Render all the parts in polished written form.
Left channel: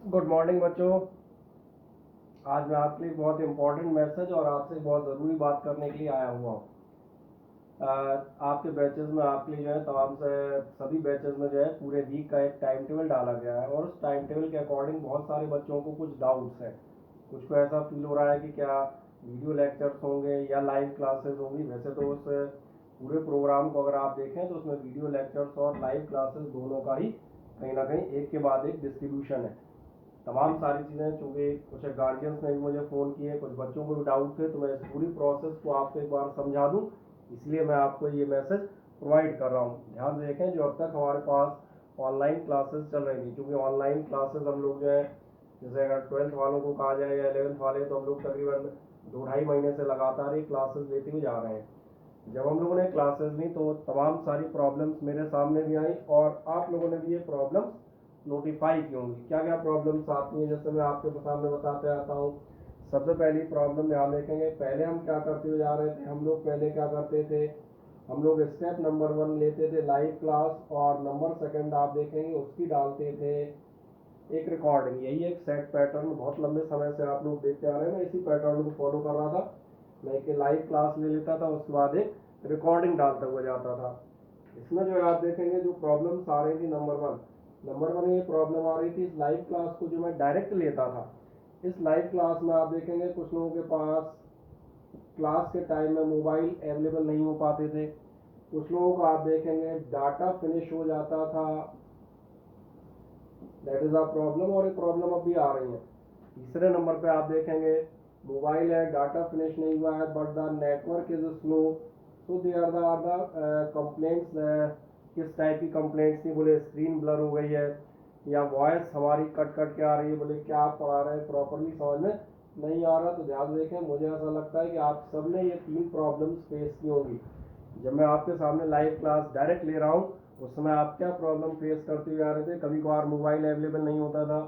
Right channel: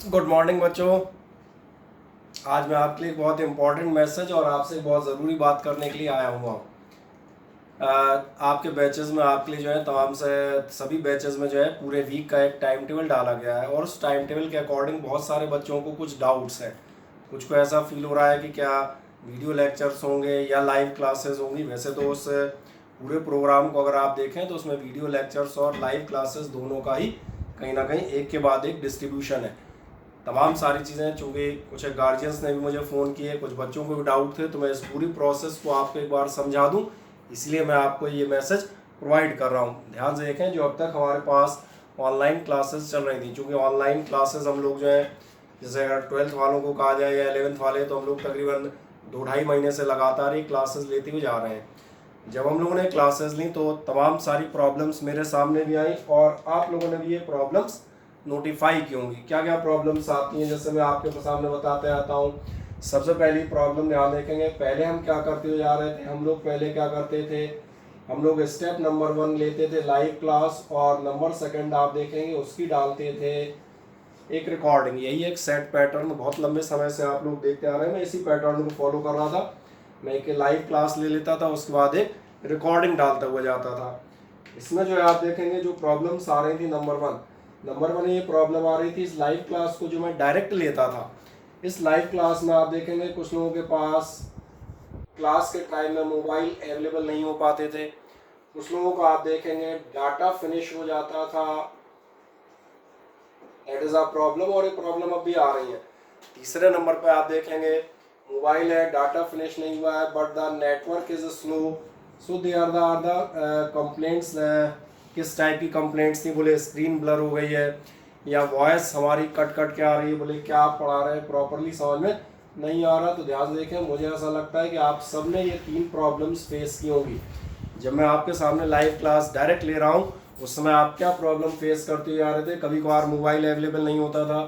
Good morning बच्चों। आज मैं आपके लिए एक बहुत इंपॉर्टेंट मैसेज और आपसे बहुत ज़रूरी बात करने के लिए आया हुआ हूँ। आपके बैचेस में आपके लिए जो है तमाम से सभी बैचेस में जो है पूरे वीक का एक टाइम टेबल डाला गया है और उस टाइम टेबल के अकॉर्डिंग बहुत सारे बच्चों को कुछ डाउट्स हैं। कुछ को ऐसा फील हो रहा है कि क्या वीडियो लेक्चर्स होंगे या लाइव क्लासेस होंगी। वैसे तो उस पूरे प्रोग्राम को अगर आप देखें तो उसमें वीडियो लेक्चर्स और लाइव क्लासेस दोनों का ही कहीं ना कहीं एक के बाद एक डिस्ट्रीब्यूशन है। तमाम सारी चीज़ें, चूँकि कुछ गार्जियंस ने भी मुझे फ़ोन किए, कुछ बच्चों को भी डाउट थे, तो मैं इस पूरी प्रोसेस को आपको एक बार समझा दूं, इसलिए मैं आपको ये मैसेज प्रोवाइड कर रहा हूं। ध्यान से देखें, जो अब तक हमारे पास ऑनलाइन क्लासेस चल रही थी, चूँकि ऑनलाइन क्लासेस हम लोग जो है, जैसे अगर 12th वालों को कहा जाए या 11th वाले, तो हम लोग तकरीबन 2-2.5 महीने से लगातार ही क्लासेस लेते हुए जा रहे हैं। जब हम लोगों ने क्लासेस ली तो तमाम सारी प्रॉब्लम्स मेरे सामने भी आई और आप लोगों ने भी ये प्रॉब्लम्स नोटिफाई की होंगी। क्या क्या प्रॉब्लम्स आती हैं, जैसे मैं आपके सामने बताते आता हूँ। सबसे पहली प्रॉब्लम ध्यान देखेंगे, पहले हम क्या करते हुए जा रहे थे। हम लोग पहले क्या करते थे, हम लोग स्टेप नंबर 1 लेते थे लाइव क्लास, और नंबर सेकंड आप देखेंगे उसकी डालते थे एक रिकॉर्डिंग। यही एक सेट पैटर्न बहुत लंबे समय से आप लोग देखते आ रहे हैं। मैं इसी पैटर्न को फॉलो कर रहा था। मैं एक लाइव क्लास ले लेता था, उसके बाद एक रिकॉर्डिंग डालता हुआ जाता था। इसमें जो है आप देखेंगे जो प्रॉब्लम्स आ रही थी, नंबर वन ये प्रॉब्लम आ रही थी इस लाइव क्लास को जो मैं डायरेक्ट लेता था। इस लाइव क्लास में आप देखेंगे कुछ लोगों के पास क्लास के टाइम में मोबाइल अवेलेबल नहीं हो पाते थे। कुछ लोगों को आप देखेंगे डाटा फिनिश हो जाता था। दैट इज अ प्रॉब्लम, और ये प्रॉब्लम अब भी आ रही है। तीसरे नंबर पे आप देखेंगे मोबाइल है, डाटा फिनिश नहीं हुआ है, but the network is slow. So they are the complaints. किस टाइप की कंप्लेंट्स थी, बोले स्क्रीन ब्लर हो गई है, या वॉइस हमारी कट कट के आ रही है, बोले क्या आप पढ़ा रहे हैं प्रॉपरली समझ में नहीं आ रहा। तो ध्यान देखें, मुझे ऐसा लगता है कि आप सब ने ये 3 प्रॉब्लम्स फेस की होंगी। जब मैं आपके सामने लाइव क्लास डायरेक्ट ले रहा हूँ, उस समय आप क्या प्रॉब्लम फेस करते हुए आ रहे थे। कभी कभार मोबाइल अवेलेबल नहीं होता था,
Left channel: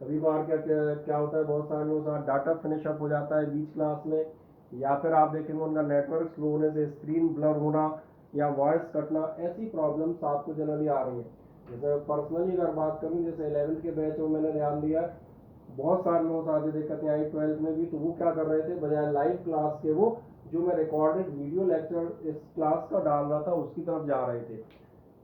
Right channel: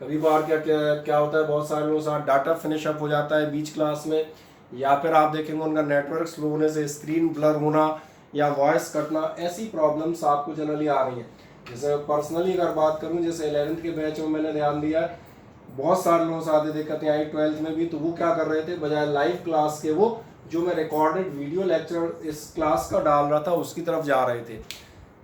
कभी कभार क्या क्या होता है, बहुत सारे लोगों के साथ डाटा फिनिश अप हो जाता है बीच क्लास में, या फिर आप देखेंगे उनका नेटवर्क स्लो होने से स्क्रीन ब्लर होना या वॉइस कटना। ऐसी प्रॉब्लम्स आपको जनरली आ रही हैं। जैसे पर्सनली अगर बात करूँ, जैसे 11th के बैच में मैंने ध्यान दिया, बहुत सारे लोगों से आधी दिक्कतें आई 12th में भी। तो वो क्या कर रहे थे, बजाय लाइव क्लास के वो जो मैं रिकॉर्डेड वीडियो लेक्चर इस क्लास का डाल रहा था उसकी तरफ जा रहे थे।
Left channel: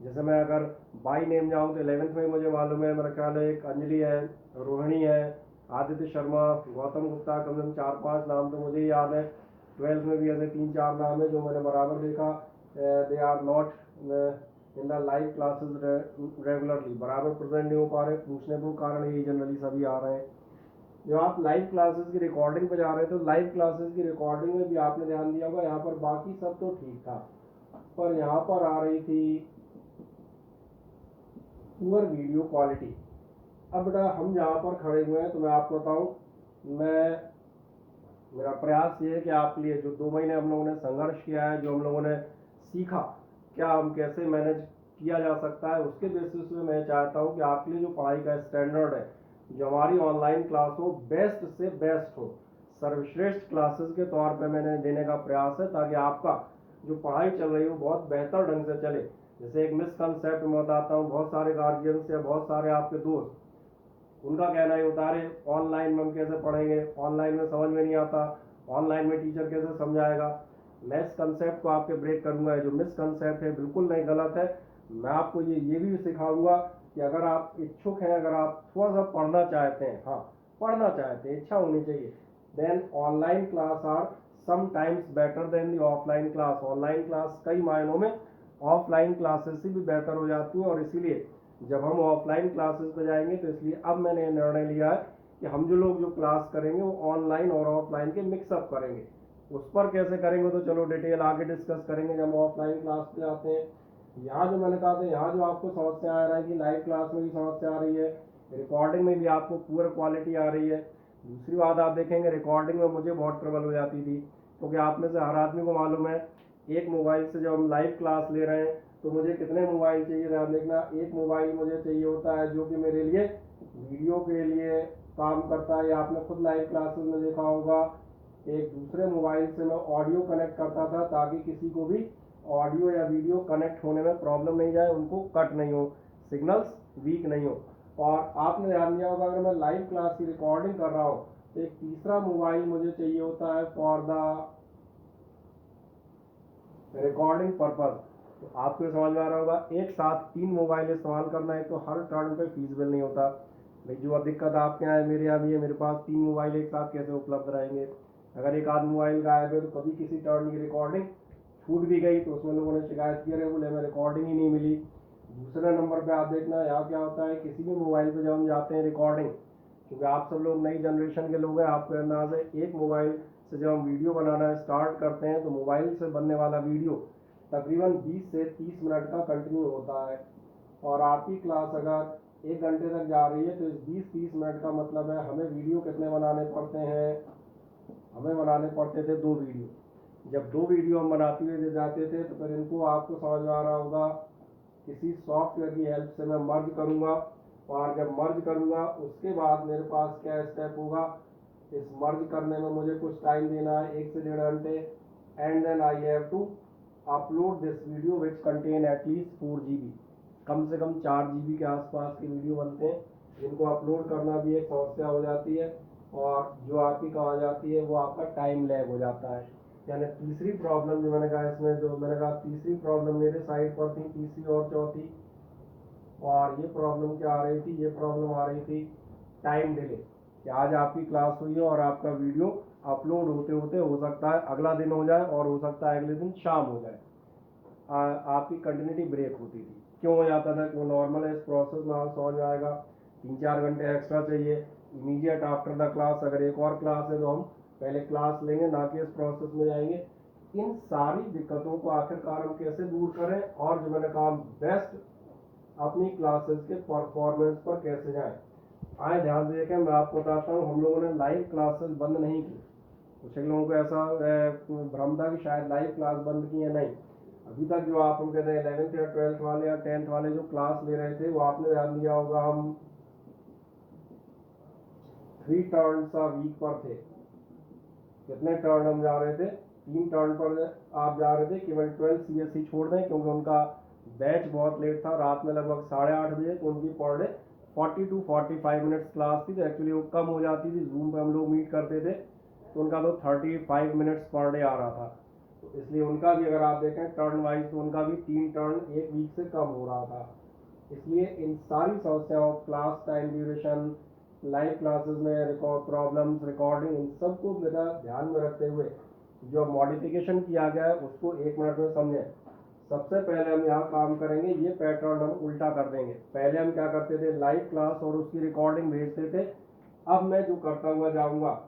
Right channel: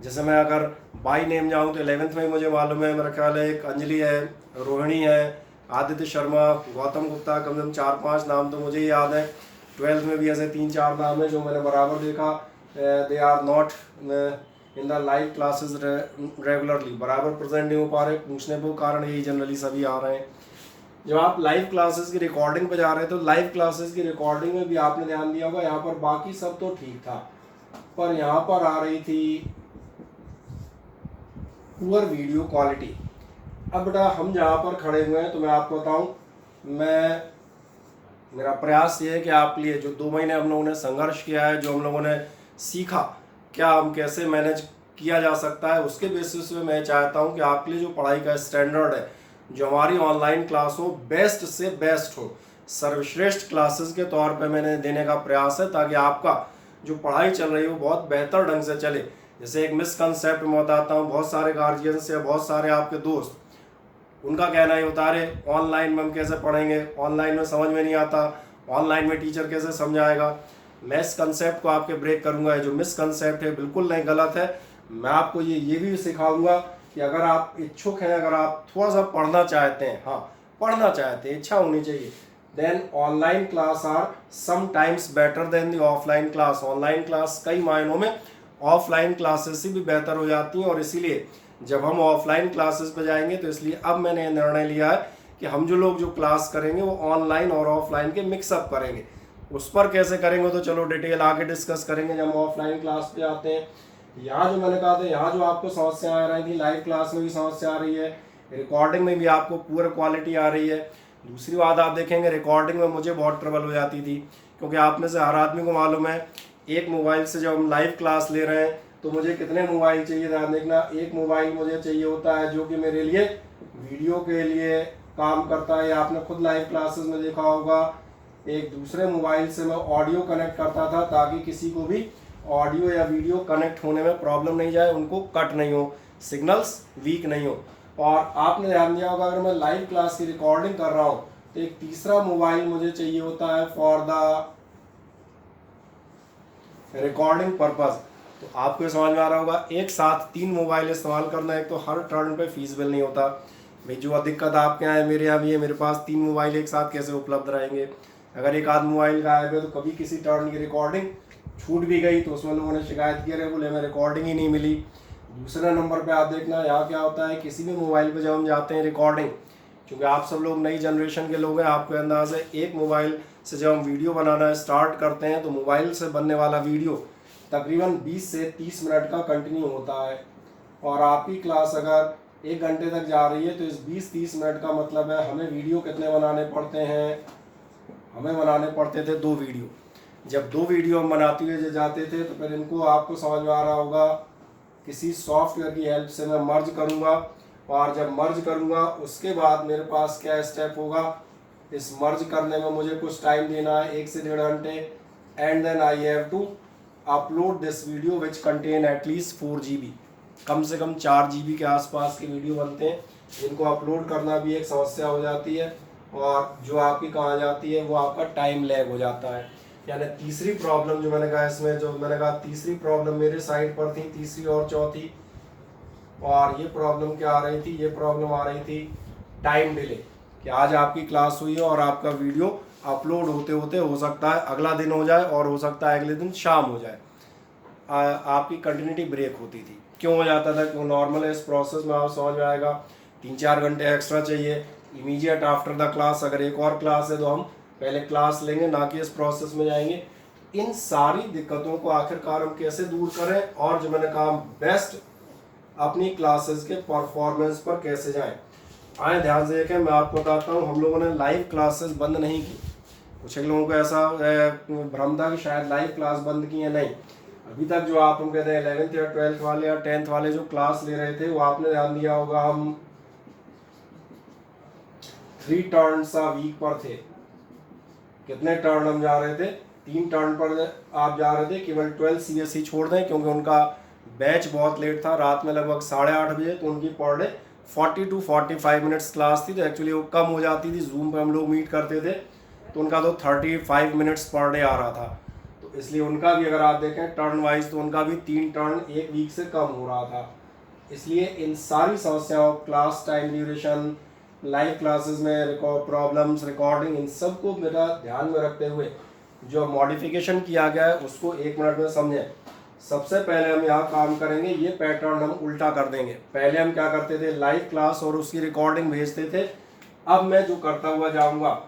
जैसे मैं अगर बाई नेम जाऊँ तो 11th में मुझे मालूम है, मेरा ख्याल है एक अंजलि है, रोहिणी है, आदित्य शर्मा, गौतम गुप्ता, कम से कम 4-5 नाम तो मुझे ही याद है। 12th में भी ऐसे 3-4 नाम है जो मैंने बराबर देखा। They are not in the live classes regularly, बराबर प्रेजेंट नहीं हो पा रहे। पूछने को कारण यही जनरली सभी आ रहे हैं। जब आप लाइव क्लासेस की रिकॉर्डिंग पे जा रहे हैं तो लाइव क्लासेस की रिकॉर्डिंग में भी आपने ध्यान दिया होगा, यहाँ पर बाकी सब तो ठीक था, पर यहाँ पर आ रही थी पुअर वीडियो क्वालिटी। अब बेटा हम जहाँ पर खड़े हुए हैं तो मैं आपको बताऊं, मेरा प्रयास ये है कि आप लिए जो 2 महीने हम लोगों ने संघर्ष किया है, जो हम लोगों ने सीखा, क्या हम कैसे मैनेज किया जा सकता है, उसके बेसिस पे मैं चाहता हूं कि आपके लिए जो पढ़ाई का स्टैंडर्ड है, जो हमारी ऑनलाइन क्लास हो, बेस्ट से बेस्ट हो, सर्वश्रेष्ठ क्लासेस के तौर पे मैंने देने का प्रयास है, ताकि आपका जो पढ़ाई चल रही है वो बहुत बेहतर ढंग से चले। जैसे एक मिसकंसेप्ट मैं बताता हूँ, बहुत सारे गार्जियंस या बहुत सारे आपके दोस्त, उनका कहना ही होता है ऑनलाइन में हम कैसे पढ़ेंगे, ऑनलाइन में समझ में नहीं आता, ऑनलाइन में टीचर कैसे समझाएगा। मैं इस कंसेप्ट को आपके ब्रेक करूंगा। जो मिसकंसेप्ट है बिल्कुल नहीं गलत है। मैं आपको ये भी सिखाऊंगा कि अगर आप इच्छुक हैं, अगर आप थोड़ा सा पढ़ना चाहते हैं, हाँ पढ़ना चाहते हैं, इच्छा होनी चाहिए, then online class are sometimes better than the offline class. Online class कई मायनों में ऑफलाइन क्लासेस से भी बेहतर हो जाती हैं, और इसीलिए जब हम ऑफलाइन क्लासेस पे जाएंगे तो इसलिए अब मैंने ये निर्णय लिया है कि हम जो लोग जो क्लास करेंगे वो ऑनलाइन और ऑफलाइन के मिक्सअप करेंगे। उस पर कैसे करेंगे तो चलो डिटेल आगे डिस्कस करेंगे जब हम ऑफलाइन क्लास पे आते हैं। यहाँ जो मैंने कहा था, यहाँ जो आपको समस्या आ रही थी, लाइव क्लास में भी समस्या आ रही है, रिकॉर्डिंग में भी आपको पूरा क्वालिटी आ रही है। दूसरी बात आप देखेंगे, रिकॉर्डिंग में मुझे बहुत ट्रबल हो जाती थी, क्योंकि आप में से हर आदमी को मालूम है एक मोबाइल से जब हम लाइव क्लास ले रहे हैं तो मुझे कितने मोबाइल चाहिए, ध्यान देखना। एक मोबाइल मुझे चाहिए होता है जो कि मेरे लिए वीडियो के लिए काम करता है, या आपने खुद लाइव क्लासेस में देखा होगा, एक दूसरे मोबाइल से मैं ऑडियो कनेक्ट करता था ताकि किसी को भी ऑडियो या वीडियो कनेक्ट होने में प्रॉब्लम नहीं जाए, उनको कट नहीं हो, सिग्नल्स वीक नहीं हो। और आपने ध्यान दिया होगा अगर मैं लाइव क्लास की रिकॉर्डिंग कर रहा हूँ तो एक तीसरा मोबाइल मुझे चाहिए होता है फॉर द रिकॉर्डिंग पर्पज। तो आपको समझ में आ रहा होगा एक साथ 3 मोबाइल इस्तेमाल करना एक तो हर टर्न पे फीसिबल नहीं होता। भाई जो दिक्कत आपके यहाँ है मेरे यहाँ भी है, मेरे पास 3 मोबाइल एक साथ कैसे उपलब्ध रहेंगे। अगर एक आध मोबाइल गायब है तो कभी किसी टर्न की रिकॉर्डिंग छूट भी गई तो उसमें लोगों ने शिकायत की, अरे बोले हमें रिकॉर्डिंग ही नहीं मिली। दूसरे नंबर पे आप देखना यहाँ क्या होता है, किसी भी मोबाइल पे जब हम जाते हैं रिकॉर्डिंग, क्योंकि आप सब लोग नई जनरेशन के लोग हैं, आपको अंदाज़ है एक मोबाइल से जब हम वीडियो बनाना स्टार्ट करते हैं तो मोबाइल से बनने वाला वीडियो तकरीबन 20 से 30 मिनट का कंटिन्यू होता है। और आपकी क्लास अगर 1 घंटे तक जा रही है तो इस 20-30 मिनट का मतलब है हमें वीडियो कितने बनाने पड़ते हैं, हमें बनाने पड़ते थे 2 वीडियो। जब 2 वीडियो हम बनाते हुए जाते थे तो फिर इनको आपको समझ में आ रहा होगा किसी सॉफ्टवेयर की हेल्प से मैं मर्ज करूँगा, और जब मर्ज करूँगा उसके बाद मेरे पास क्या स्टेप होगा, इस मर्ज करने में मुझे कुछ टाइम देना है 1 से 1.5 घंटे, and then I have to upload this video which contain at least 4 GB, कम से कम 4 GB के आसपास के वीडियो बनते हैं जिनको अपलोड करना भी एक समस्या हो जाती है, और जो आपकी कहाँ जाती है वो आपका टाइम लैग हो जाता है। यानी तीसरी प्रॉब्लम जो मैंने कहा इसमें, जो मैंने कहा तीसरी प्रॉब्लम मेरे साइड पर थी, तीसरी और चौथी, और ये प्रॉब्लम क्या आ रही थी, ये प्रॉब्लम आ रही थी टाइम डिले, कि आज आपकी क्लास हुई है और आपका वीडियो अपलोड होते होते हो सकता है अगला दिन हो जाए और हो सकता है अगले दिन शाम हो जाए। आपकी कंटिन्यूटी ब्रेक होती थी। क्यों हो जाता था, क्यों नॉर्मल है, इस प्रोसेस में आप समझ में आएगा 3-4 घंटे एक्स्ट्रा चाहिए इमीडिएट आफ्टर द क्लास। अगर एक और क्लास है तो हम पहले क्लास लेंगे, ना कि इस प्रोसेस में जाएंगे। इन सारी दिक्कतों को आखिरकार हम कैसे दूर करें, और जो मैंने कहा बेस्ट अपनी क्लासेस के परफॉर्मेंस पर कैसे जाएं। आए ध्यान से देखें, मैं आपको बताता हूँ हम लोगों ने लाइव क्लासेस बंद नहीं की। कुछ लोगों को ऐसा भ्रम था कि शायद लाइव क्लास बंद की है, नहीं। अभी तक जो आप हम कहते हैं 11th या 12th वाले या 10th वाले जो क्लास ले रहे थे वो आपने ध्यान दिया होगा हम 3 टर्न्स अ वीक पर थे। कितने टर्न हम जा रहे थे, 3 टर्न पर आप जा रहे थे। केवल 12 CSE छोड़ दें क्योंकि उनका बैच बहुत लेट था, रात में लगभग 8:30 बजे, तो उनकी per day 40 to 45 minutes class थी, तो एक्चुअली वो कम हो जाती थी। जूम पे हम लोग मीट करते थे तो उनका तो 35 मिनट्स पर डे आ रहा था, तो इसलिए उनका भी अगर आप देखें टर्न वाइज तो उनका भी 3 टर्न एक वीक से कम हो रहा था। इसलिए इन सारी समस्याओं, class time duration, live classes में प्रॉब्लम्स, रिकॉर्डिंग, इन सब को मेरा ध्यान में रखते हुए जो मॉडिफिकेशन किया गया है उसको 1 मिनट में समझें। सबसे पहले हम यहाँ काम करेंगे, ये पैटर्न हम उल्टा कर देंगे। पहले हम क्या करते थे, लाइव क्लास और उसकी रिकॉर्डिंग भेजते थे। अब मैं जो करता हुआ जाऊँगा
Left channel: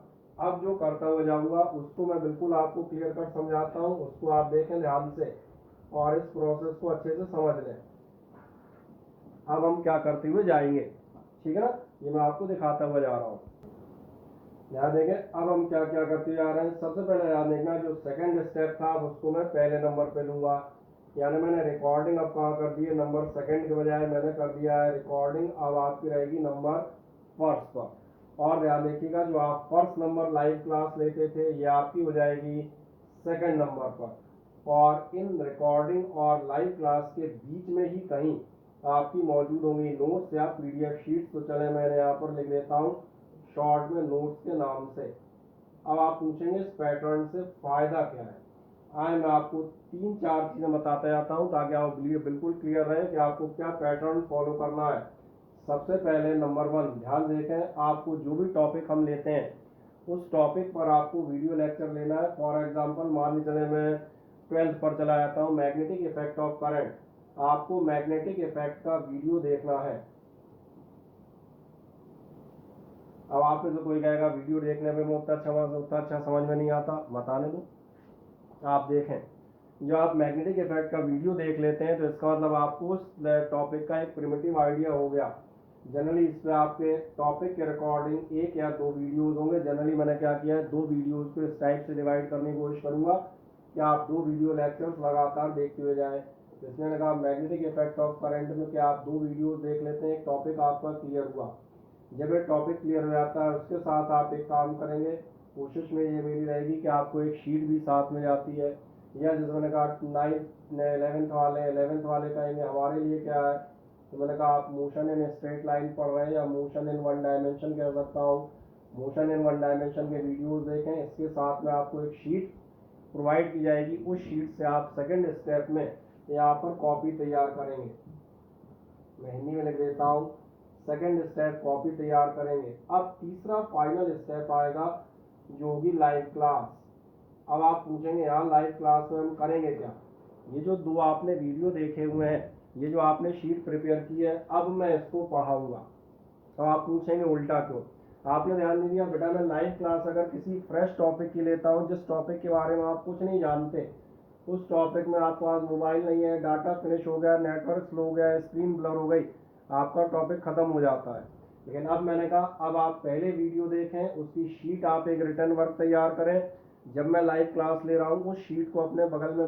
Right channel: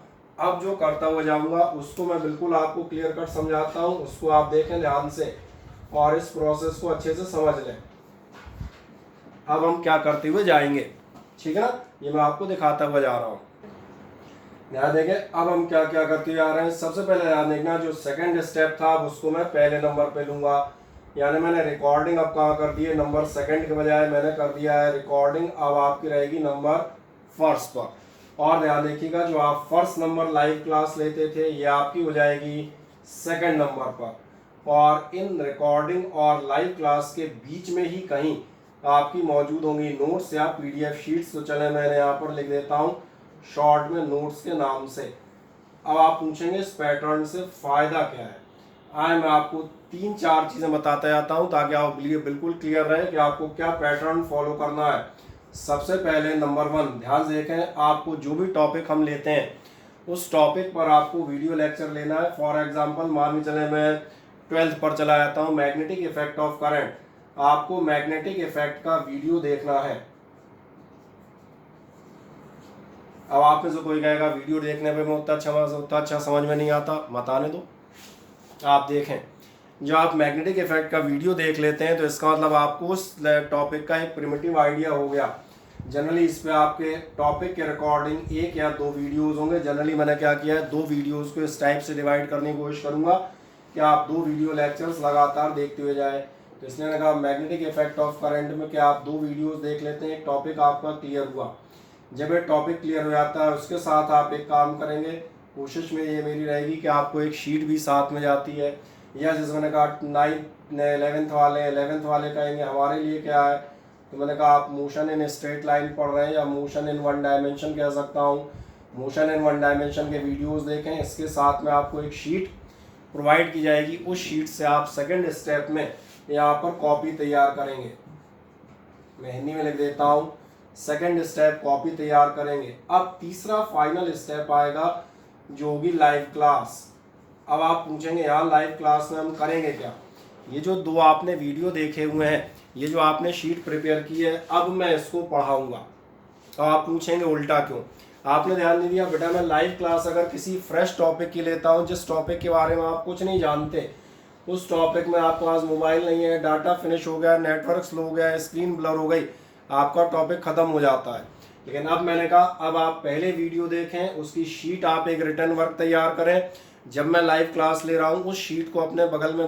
उसको मैं बिल्कुल आपको क्लियर कट समझाता हूँ, उसको आप देखें ध्यान से और इस प्रोसेस को अच्छे से समझ लें। अब हम क्या करते हुए जाएंगे, ठीक है ना, ये मैं आपको दिखाता हुआ जा रहा हूँ। ध्यान देंगे अब हम क्या क्या करते हुए आ रहे हैं। सबसे पहले ध्यान देखना, जो सेकंड स्टेप था उसको मैं पहले नंबर पे लूंगा, यानी मैंने रिकॉर्डिंग अब कहाँ कर दी है, नंबर सेकंड के बजाय मैंने कर दिया है रिकॉर्डिंग अब आपकी रहेगी नंबर फर्स्ट पर। और ध्यान देखिएगा जो आप फर्स्ट नंबर लाइव क्लास लेते थे ये आपकी हो जाएगी सेकंड नंबर पर, और इन रिकॉर्डिंग और लाइव क्लास के बीच में ही कहीं आपकी मौजूद होंगी नोट्स या PDF शीट्स। तो चले मैंने यहाँ पर लिख देता हूँ शॉर्ट में नोट्स के नाम से। अब आप पूछेंगे इस पैटर्न से फ़ायदा क्या है। आए मैं आपको 3-4 चीज़ें बताता जाता हूँ ताकि आप बिल्कुल क्लियर रहे कि आपको क्या पैटर्न फॉलो करना है। सबसे पहले नंबर 1, ध्यान से देखें, आपको जो भी टॉपिक हम लेते हैं उस टॉपिक पर आपको वीडियो लेक्चर लेना है। फॉर एग्जांपल मान के चले मैं 12th पर चला जाता हूँ, मैग्नेटिक इफेक्ट ऑफ करंट। आपको मैग्नेटिक इफेक्ट का वीडियो देखना है। अब आप में से कोई कहेगा वीडियो देखने पे मैं उतना अच्छा समझ में नहीं आता, मत आने दो, आप देखें। जब आप मैग्नेटिक इफेक्ट का वीडियो देख लेते हैं तो इसका मतलब आपको उस टॉपिक का एक प्रिमिटिव आइडिया हो गया। जनरली इस पे आपके टॉपिक के रिकॉर्डिंग 1 या 2 वीडियोस होंगे। जनरली मैंने क्या किया है, 2 वीडियोस को इस टाइप से डिवाइड करने की कोशिश करूंगा कि आप 2 वीडियो लेक्चर्स लगातार देखते हुए जाए। तो इसलिए मैंने कहा मैग्नेटिक इफेक्ट ऑफ करंट में क्या आप 2 वीडियोस देख लेते हैं, टॉपिक आपका क्लियर हुआ। जब ये टॉपिक क्लियर हो जाता है उसके साथ आप एक काम करेंगे, कोशिश में ये मेरी रहेगी कि आपको एक शीट भी साथ में जाती है, या जैसे मैंने कहा 9th 11th वाले 11th वाले कहेंगे हमारे लिए क्या है, तो मैंने कहा आप मोशन इन स्ट्रेट लाइन पढ़ रहे हैं या मोशन इन वन डायमेंशन कह सकता हूँ, मोशन इन वन डायमेंशन के वीडियोस देखें। इसके साथ में आपको एक शीट प्रोवाइड की जाएगी, उस शीट से आप सेकंड स्टेप में यहाँ पर कॉपी तैयार करेंगे। मैं हिंदी में लिख देता हूँ, सेकंड स्टेप कॉपी तैयार करेंगे। अब तीसरा फाइनल स्टेप आएगा जो होगी लाइव क्लास। अब आप पूछेंगे यार लाइव क्लास में हम करेंगे क्या? ये जो दो आपने वीडियो देखे हुए हैं, ये जो आपने शीट प्रिपेयर की है, अब मैं इसको पढ़ाऊंगा। तो आप पूछेंगे उल्टा क्यों? आपने ध्यान नहीं दिया बेटा। मैं लाइव क्लास अगर किसी फ्रेश टॉपिक की लेता हूँ, जिस टॉपिक के बारे में आप कुछ नहीं जानते, उस टॉपिक में आपके पास मोबाइल नहीं है, डाटा फिनिश हो गया, नेटवर्क स्लो हो गया, स्क्रीन ब्लर हो गई, आपका टॉपिक खत्म हो जाता है। लेकिन अब मैंने कहा अब आप पहले वीडियो देखें, उसकी शीट आप एक रिटर्न वर्क तैयार करें। जब मैं लाइव क्लास ले रहा हूँ उस शीट को अपने बगल में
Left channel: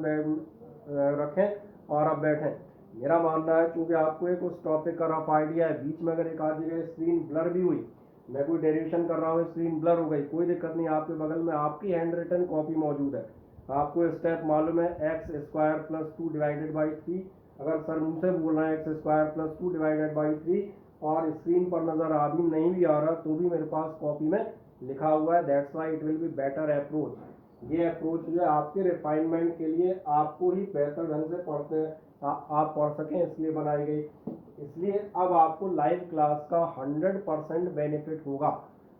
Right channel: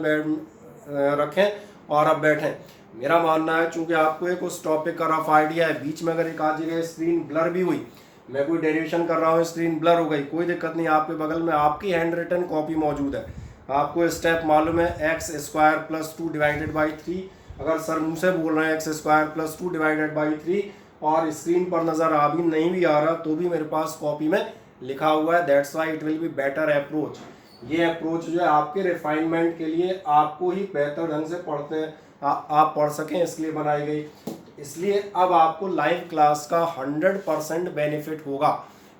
रखें और अब बैठें। मेरा मानना है चूंकि आपको एक उस टॉपिक का रफ आइडिया है, बीच में अगर एक आधी जगह स्क्रीन ब्लर भी हुई, मैं कोई डेरिवेशन कर रहा हूँ, स्क्रीन ब्लर हो गई, कोई दिक्कत नहीं, आपके बगल में आपकी हैंड रिटन कॉपी मौजूद है। आपको स्टेप मालूम है x square plus 2 divided by 3। अगर सर मुँह से बोल रहे हैं x square plus 2 divided by 3 और स्क्रीन पर नज़र आ भी नहीं भी आ रहा, तो भी मेरे पास कॉपी में लिखा हुआ है। That's why it will be better approach. ये अप्रोच जो है आपके रिफाइनमेंट के लिए, आपको ही बेहतर ढंग से पढ़ते हैं आप पढ़ सकें, इसके लिए बनाई गई। इसलिए अब आपको लाइव क्लास का 100% बेनिफिट होगा।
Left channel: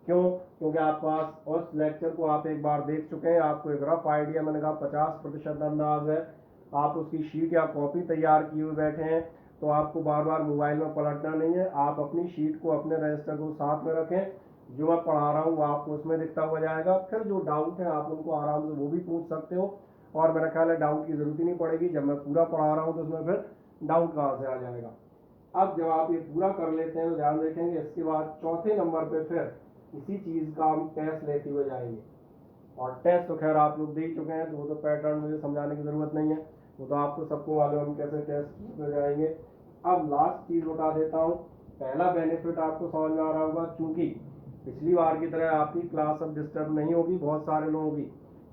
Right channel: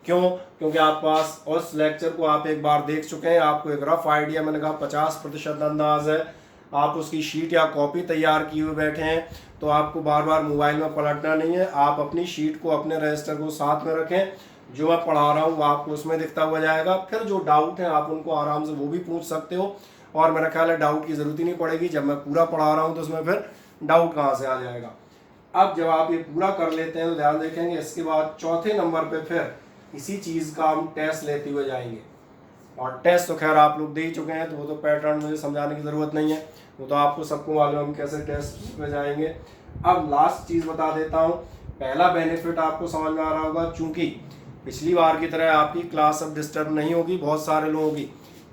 क्यों? क्योंकि आप पास उस लेक्चर को आप एक बार देख चुके हैं, आपको एक रफ आइडिया, मैंने कहा 50% अंदाज है, आप उसकी शीट या कॉपी तैयार किए हुए बैठे हैं, तो आपको बार बार मोबाइल में पलटना नहीं है। आप अपनी शीट को, अपने रजिस्टर को साथ में रखें, जो मैं पढ़ा रहा हूँ वो आपको उसमें दिखता हुआ जाएगा। फिर जो डाउट है आप उनको आराम से वो भी पूछ सकते हो, और मेरा ख्याल है डाउट की ज़रूरत ही नहीं पड़ेगी। जब मैं पूरा पढ़ा रहा हूँ तो उसमें फिर डाउट कहाँ से आ जाएगा। अब जब आप ये पूरा कर लेते हैं तो ध्यान देखेंगे, इसके बाद चौथे नंबर पे फिर इसी चीज़ का हम टेस्ट लेते हुए जाएंगे। और टेस्ट तो खैर आप लोग दे ही चुके हैं, तो वो तो पैटर्न मुझे समझाने की ज़रूरत नहीं है, वो तो आपको सबको मालूम हम कैसे टेस्ट पे जाएंगे। अब लास्ट चीज़ बता देता हूँ। पहला बेनिफिट आपको समझ में आ रहा होगा, चूँकि पिछली बार की तरह आपकी क्लास अब डिस्टर्ब नहीं होगी। बहुत सारे लोगों की,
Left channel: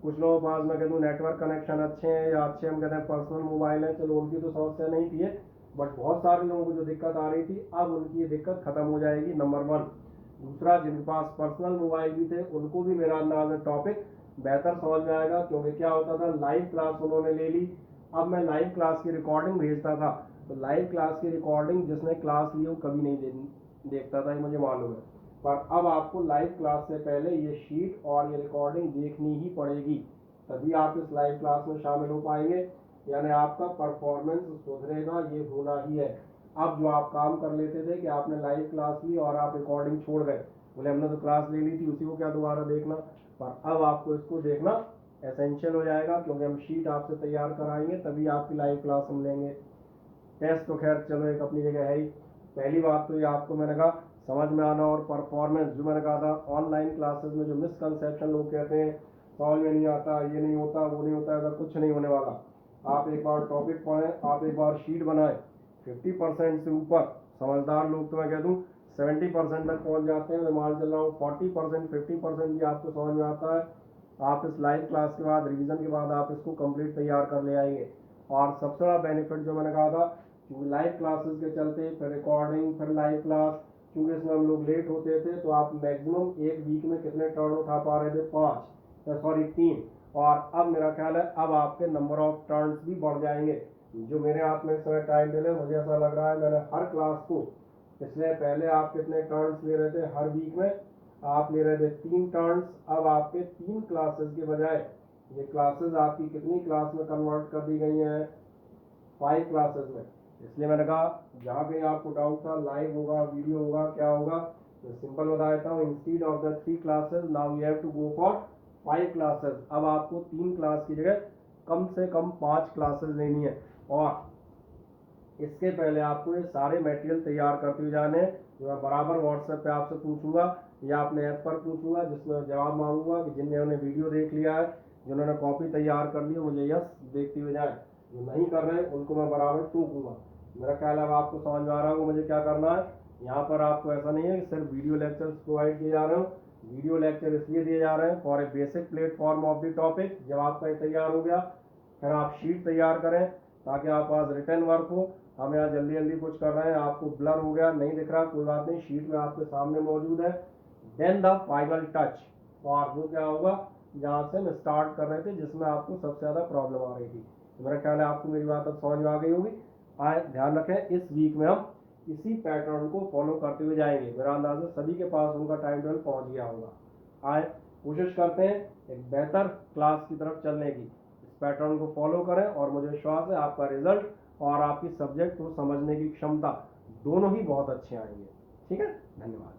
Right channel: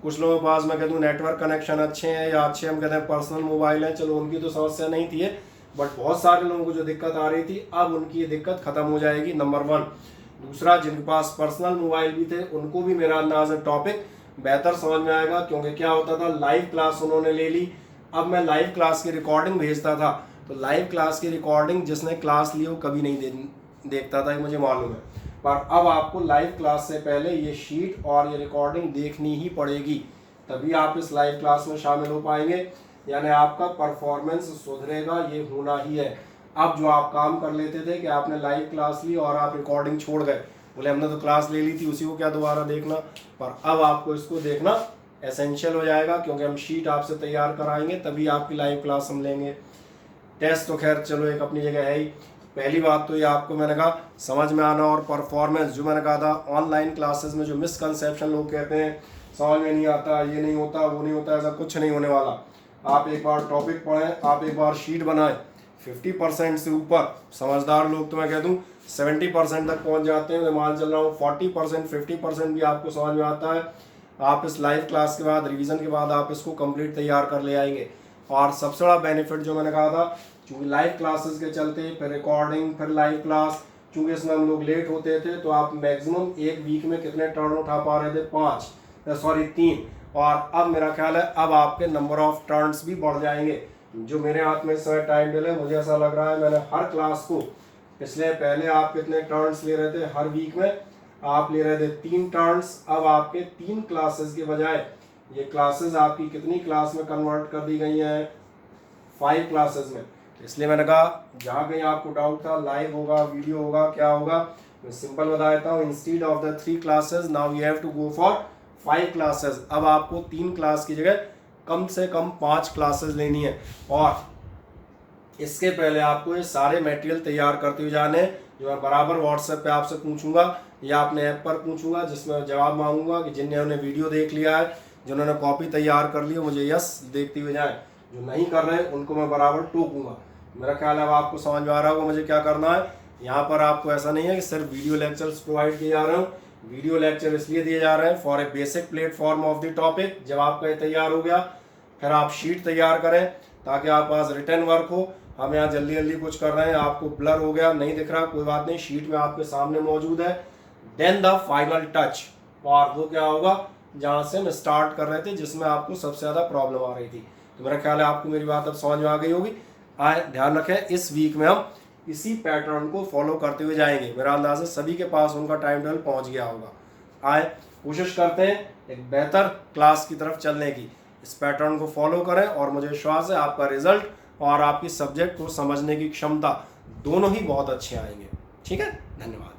कुछ लोगों के पास मैं कहता हूँ नेटवर्क कनेक्शन अच्छे हैं, या अच्छे हम कहते हैं पर्सनल मोबाइल हैं, चलो उनकी तो समस्या नहीं थी, बट बहुत सारे लोगों को जो दिक्कत आ रही थी, अब उनकी दिक्कत खत्म हो जाएगी, नंबर 1। दूसरा, जिनके पास पर्सनल मोबाइल भी थे उनको भी मेरा अंदाज़ है टॉपिक बेहतर समझ में आएगा। क्योंकि क्या होता था, लाइव क्लास उन्होंने ले ली, अब मैं लाइव क्लास की रिकॉर्डिंग भेजता था, तो लाइव क्लास की रिकॉर्डिंग जिसने क्लास ली वो कभी नहीं देखता था, ये मुझे मालूम है। पर अब आपको लाइव क्लास से पहले ये शीट और ये रिकॉर्डिंग देखनी ही पड़ेगी, तभी आप इस लाइव क्लास में शामिल हो पाएंगे, यानी आपका परफॉर्मेंस सुधरेगा, ये होना ही है। अब जो आप काम कर लेते थे कि आपने लाइव क्लास ली और आप रिकॉर्डिंग छोड़ गए, बोले हमने तो क्लास ले ली थी, उसी को क्या दोबारा देखना, पर अब आपको इसको देखना एसेंशियल हो जाएगा, क्योंकि हम शीट आपसे तैयार कराएंगे, तभी आपकी लाइव क्लास हम लेंगे। टेस्ट तो खैर चलो एक अपनी जगह है ही। पहली बात तो ये आपको मैंने कहा समझ में आना, और परफॉर्मेंस जो मैंने कहा था, ऑनलाइन क्लासेस में जो मिसकंसेप्शन लोग कहते हैं समझ में नहीं आता, ये नहीं होता, वो नहीं होता, ऐसा कुछ नहीं होने वाला। आप एक बार टॉपिक पढ़ें, आप एक बार शीट बनाएं, 50% से ऊपर समझदार लोग तो मैं कह दूँ 70% तक पहुंच जाते हैं। मैं मान चल रहा हूँ 40% 50% भी आपको समझ में आता है। आप इस लाइव क्लास के बाद, रिवीजन के बाद आप इसको कंप्लीट तैयार कर ले आएंगे। और सबसे बड़ा बेनिफिट जो मैंने कहा था, चूँकि लाइव क्लासेस के चलते, फिर रिकॉर्डिंग, फिर लाइव क्लास, चूँकि इसमें हम लोग लेट होते थे, तो आप मैक्सिमम एक वीक में कितने टर्न उठा पा रहे थे? 3। और अब मेरा ख्याल है अब आपके नंबर ऑफ टर्न्स भी बढ़ जाएंगे। जो मेरे हाथ में इस समय टाइम टेबल है, मुझे ऐसा लग रहा है मैंने हर क्लास को, इसलिए पहले आप कितने टर्न्स ले रहे थे हर वीक में? आप ले रहे थे 3 टर्न्स। अब आपके 3 क्लासेस के बजाय ये क्लासेस आपकी कितनी क्लास में कन्वर्ट कर दी गई हैं? 5 क्लासेस में। इसलिए मैंने कहा जहाँ कहीं आपको डाउट था लाइव होगा, वीडियो होगा, क्या होगा, मैं सिंपल बता देता हूँ। Instead of the 3 classes now you have to go for 5 classes. अब आपको 3 क्लास की जगह कम से कम 5 क्लासेस लेनी है। और इसके पहले आपको ये सारे मटेरियल तैयार करते हुए जाने, जो मैं बराबर व्हाट्सएप पे आपसे पूछूंगा या अपने ऐप पर पूछूंगा, जिसमें जवाब मांगूंगा कि जिन्होंने वीडियो देख लिया है, जिन्होंने कॉपी तैयार कर ली है, मुझे यस देखते हुए जाएं। जो नहीं कर रहे हैं उनको मैं बराबर टोकूंगा। मेरा ख्याल है अब आपको समझ में आ रहा होगा मुझे क्या करना है। यहाँ पर आपको ऐसा नहीं है कि सिर्फ वीडियो लेक्चर्स प्रोवाइड किए जा रहे हैं। वीडियो लेक्चर इसलिए दिए जा रहे हैं for a basic platform of the topic. जब आपका ये तैयार हो गया, फिर आप शीट तैयार करें ताकि आप पास रिटर्न वर्क हो। हम यहाँ जल्दी जल्दी कुछ कर रहे हैं, आपको ब्लर हो गया, नहीं दिख रहा, कोई बात नहीं, शीट में आपके सामने मौजूद है। देन द फाइनल टच, और वो क्या होगा जहाँ से हम स्टार्ट कर रहे थे, जिसमें आपको सबसे ज़्यादा प्रॉब्लम आ रही थी। तो मेरा ख्याल है आपको मेरी बात अब समझ में आ गई होगी। आए ध्यान रखें, इस वीक में हम इसी पैटर्न को फॉलो करते हुए जाएंगे। मेरा अंदाज़ है सभी के पास उनका टाइम टेबल पहुँच गया होगा। आए कोशिश करते हैं एक बेहतर क्लास की तरफ चलने की, इस पैटर्न को फॉलो करें और मुझे विश्वास है आपका रिजल्ट और आपकी सब्जेक्ट को समझने की क्षमता दोनों ही बहुत अच्छे आएंगे। ठीक है, धन्यवाद।